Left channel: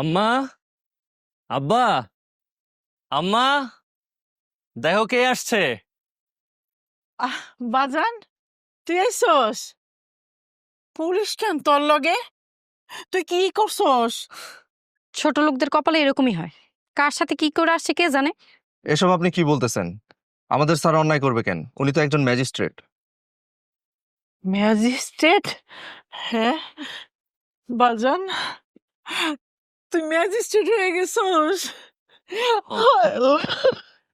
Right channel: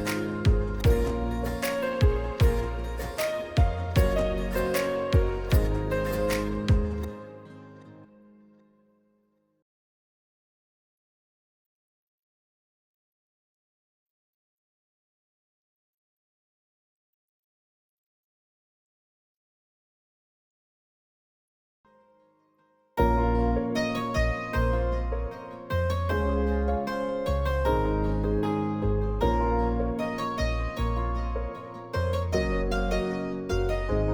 আম্মা, আব্বা, আম্মা, দেখো কে আসছে। বাজান, তুই আইসস? পুলিশ কেন তোর লগে? তুই কি করছস? ছোট লোকদের কপালে এরকমই হয়, কার সাথে কি করে আসছে কে জানে। এসব আপনি কি বলতেছেন? আমাদের স্যার অন্যায় করবে কেন? উনি তো একজন ম্যাজিস্ট্রেট। ম্যাজিস্ট্রেট? হ্যাঁ বাজান, তুই ম্যাজিস্ট্রেট হয়ে গেছস।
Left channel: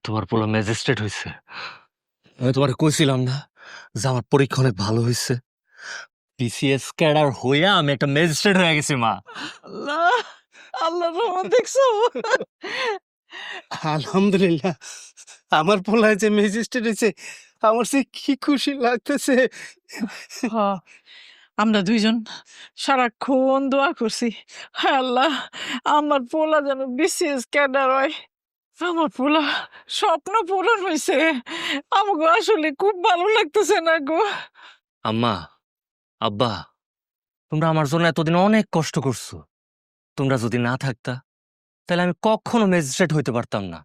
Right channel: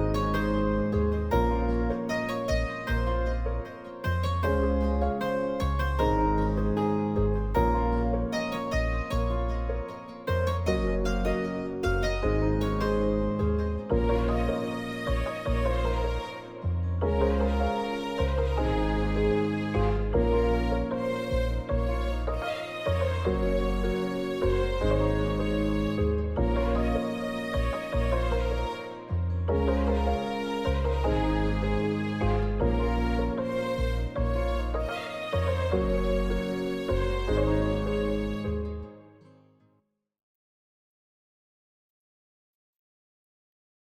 তোমার পুরো ম্যাজিস্ট্রেট হয়েছে। আমি তোমার কইছিলাম না যে আমার পরীক্ষা অনেক ভালো হয়েছে। বিসিএস ক্যাডার হইয়া আমি একটা ম্যাজিস্ট্রেট হয়ে গেছি মা। আল্লাহ, আল্লাহ রহমান দেখছো? আলহামদুলিল্লাহ, আমার পোলায় যে ম্যাজিস্ট্রেট হয়েছে আমার সে কি খুশি লাগতেছে। হ্যাঁ, আমরা দুইজন সারাক্ষণ দোয়া করছি, হায় আল্লাহ আমার পোলা যেন বিসিএস ক্যাডার হয়। আমার পোলা স্বপ্ন পূরণ হয়েছে। আমাকে আসলে খুব ভালো লাগতেছে না গো। আম্মা, আব্বা, তোমরা আমার জন্য এতদিন অনেক কষ্ট করছো। তোমরা যদি না থাকতা তাহলে আমি কখনো ম্যাজিস্ট্রেট হইতে পারতাম না।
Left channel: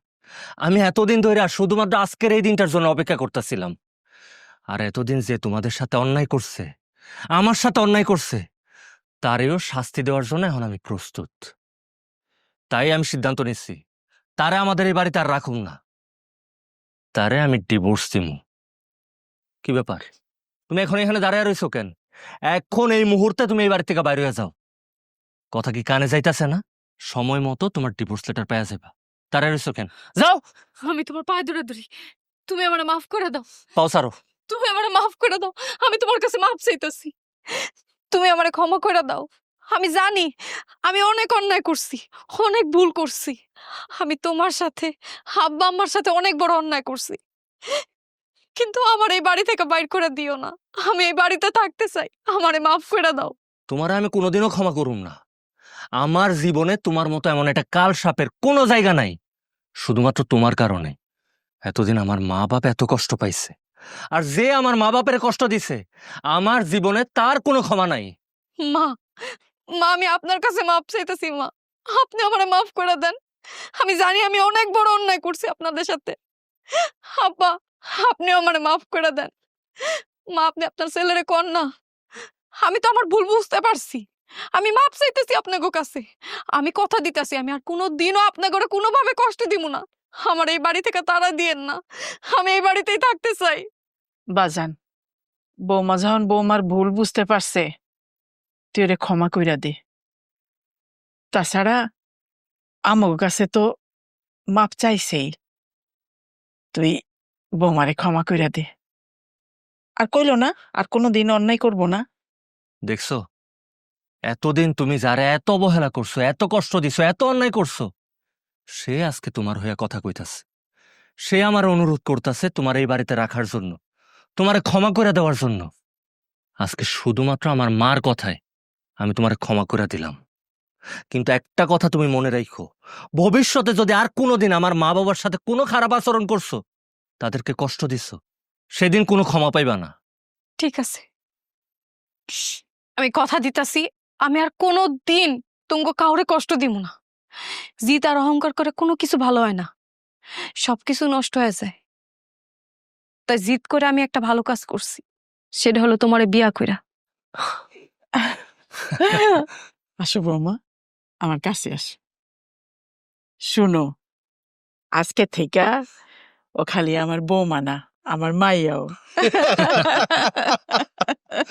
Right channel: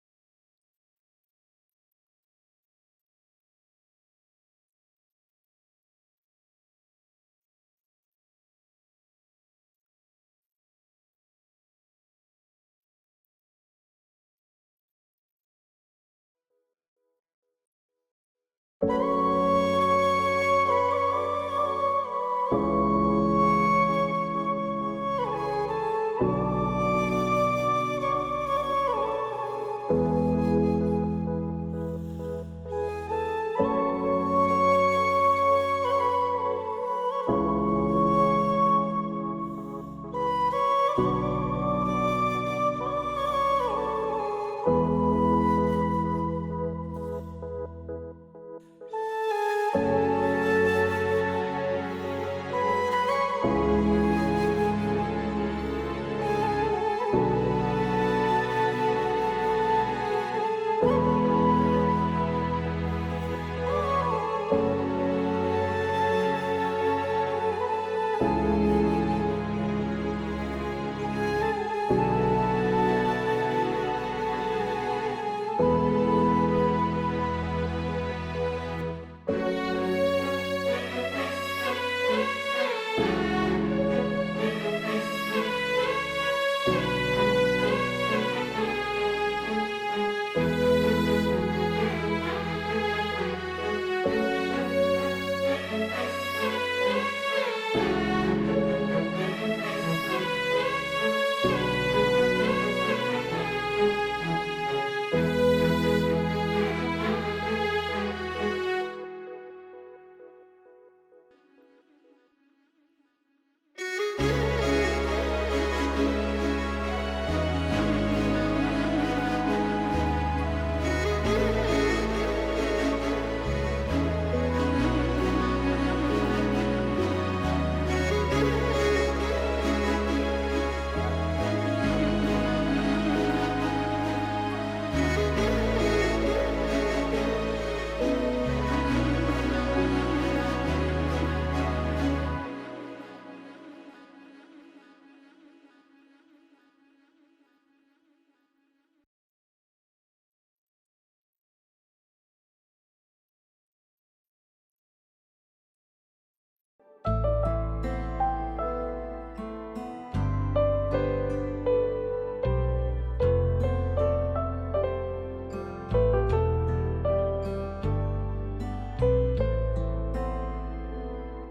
আমি এতদিন ধরে আর শুধুমাত্র আজকের এই দিনটার জন্য অপেক্ষা করতেছিলাম। আর এতদিন যে তোমাদের সাথে অন্যায় করছে, আমার সাথে অন্যায় করছে, তারেও শাস্তি দেওয়ার জন্য এখন আমি প্রস্তুত। তাই আমি সিদ্ধান্ত নিচ্ছি, তারে আমাদের এই বাড়িতে আর রাখুন না। তারে আমি ডিভোর্স দিব। কি ব্যাপার, তুমি এখন এখানে দাঁড়িয়ে রয়েছো কেন? এখন এই মুহূর্তে তুমি এই বাড়ি থেকে বাইরে হয়ে যাও। কথা কি কানে যাইতাছে না? সময় মতো তোমার ডিভোর্স লেটার পেয়ে যাবে। দাঁড়িয়ে রয়েছো কেন? যাও। আমি তোমার পায়ে ধরে ধরি, তুমি আমারে মাফ করে দাও। পাও সারো। তুমি আমারে মাফ করে দাও, আমি তোমার কাছে মাফ চাইতেছি। তুমি আমারে ক্ষমা করে দাও। আমি জানি আমি অনেক অন্যায় করছি, অনেক ভুল করছি। আমি তোমার সাথে, আব্বা আম্মার সাথে অনেক বড় অন্যায় করছি, কিন্তু আমার এই বাড়ি থেকে বাইর করে দিও না। আমি এই বাড়িতে থাকতে চাই, আমারে মাফ করে দাও। তোমার আমি কোনোদিনও ক্ষমা করুন না। আমার জীবনে তোমার মতো এমন একটা কাল সাপের কোনো জায়গা নাই। শুধুমাত্র তোমার কারণে এতদিন আমার মা বাপ এত কষ্ট পাইছে। আর যে আমার মা বাপের কষ্ট দিছে, আমার জীবনে তার কোনো ক্ষমা নাই। মা, মা আমি আপনার কাছে মাফ চাইতেছি। মা, আপনি আমারে মাফ করে দেন। আমি জানি আমি অনেক বড় অন্যায় করছি আপনাদের সাথে। আব্বা, আপনিও আমারে মাফ করে দেন। মা, আপনি আপনার ছেলেরে কোন না। আমি তো আমার ভুল বুঝতে পারছি। আমি মাফ চাইতেছি আপনাকে কাছে। আমি কথা দিতেছি আমি আর কোনোদিনও আপনাকে কোনোভাবে কষ্ট দিব না। আমার এই বাড়ি থেকে তাড়া দিয়েন না, আমি এই বাড়িতেই থাকতে চাই। বাজান, বৌমা যখন বৌমার ভুল বুঝতে পারছে, তুই ওরে ক্ষমা কইরা দে। তাছাড়া আমার কাছে তো মাপ চাইছেই, তুই বৌমারে ক্ষমা কইরা দে। আর কইলো না আর কোনোদিন অন্যায় করবো না। দেখছো, এতদিন তুমি যারা এত অবহেলা করছো, এত কষ্ট দিছো, এত অন্যায় করছো, সে আজকে তোমার হয়ে কথা কইতাছে। সে আমার অনুরোধ করতেছে তোমার এই বাড়িতে রাখার জন্য, তোমার ক্ষমা করে দেওয়ার জন্য। আজকে শুধুমাত্র আমার মার কথায় আমি তোমার ক্ষমা করে দিলাম। কিন্তু একটা কথা তুমি মনে রাখো, ভবিষ্যতে যদি আর কোনোদিন আমার মা বাবার সাথে কোনো খারাপ আচরণ করছো, তাদেরকে কষ্ট দিছো, সেদিন কোনো ক্ষমা পাইবা না। ঠিক আছে, আমি কথা দিতাছি আমি আর কোনো দিন তোমাকে কাউরে কষ্ট দিব না। জিত আর অহংকার করে কোনো কিছু ভালো হয় না, সবকিছু নষ্ট হয়ে যায়। তাই জিত করে আমি একটা ভালো কাজ করছি, সেটা হলো তোমারে বিয়া কইরা। আসো বৌমা, আমার কাছে আস। শুনো, আজকে থেকে ও খালি আমার বৌমা না, আমার মাইয়াও।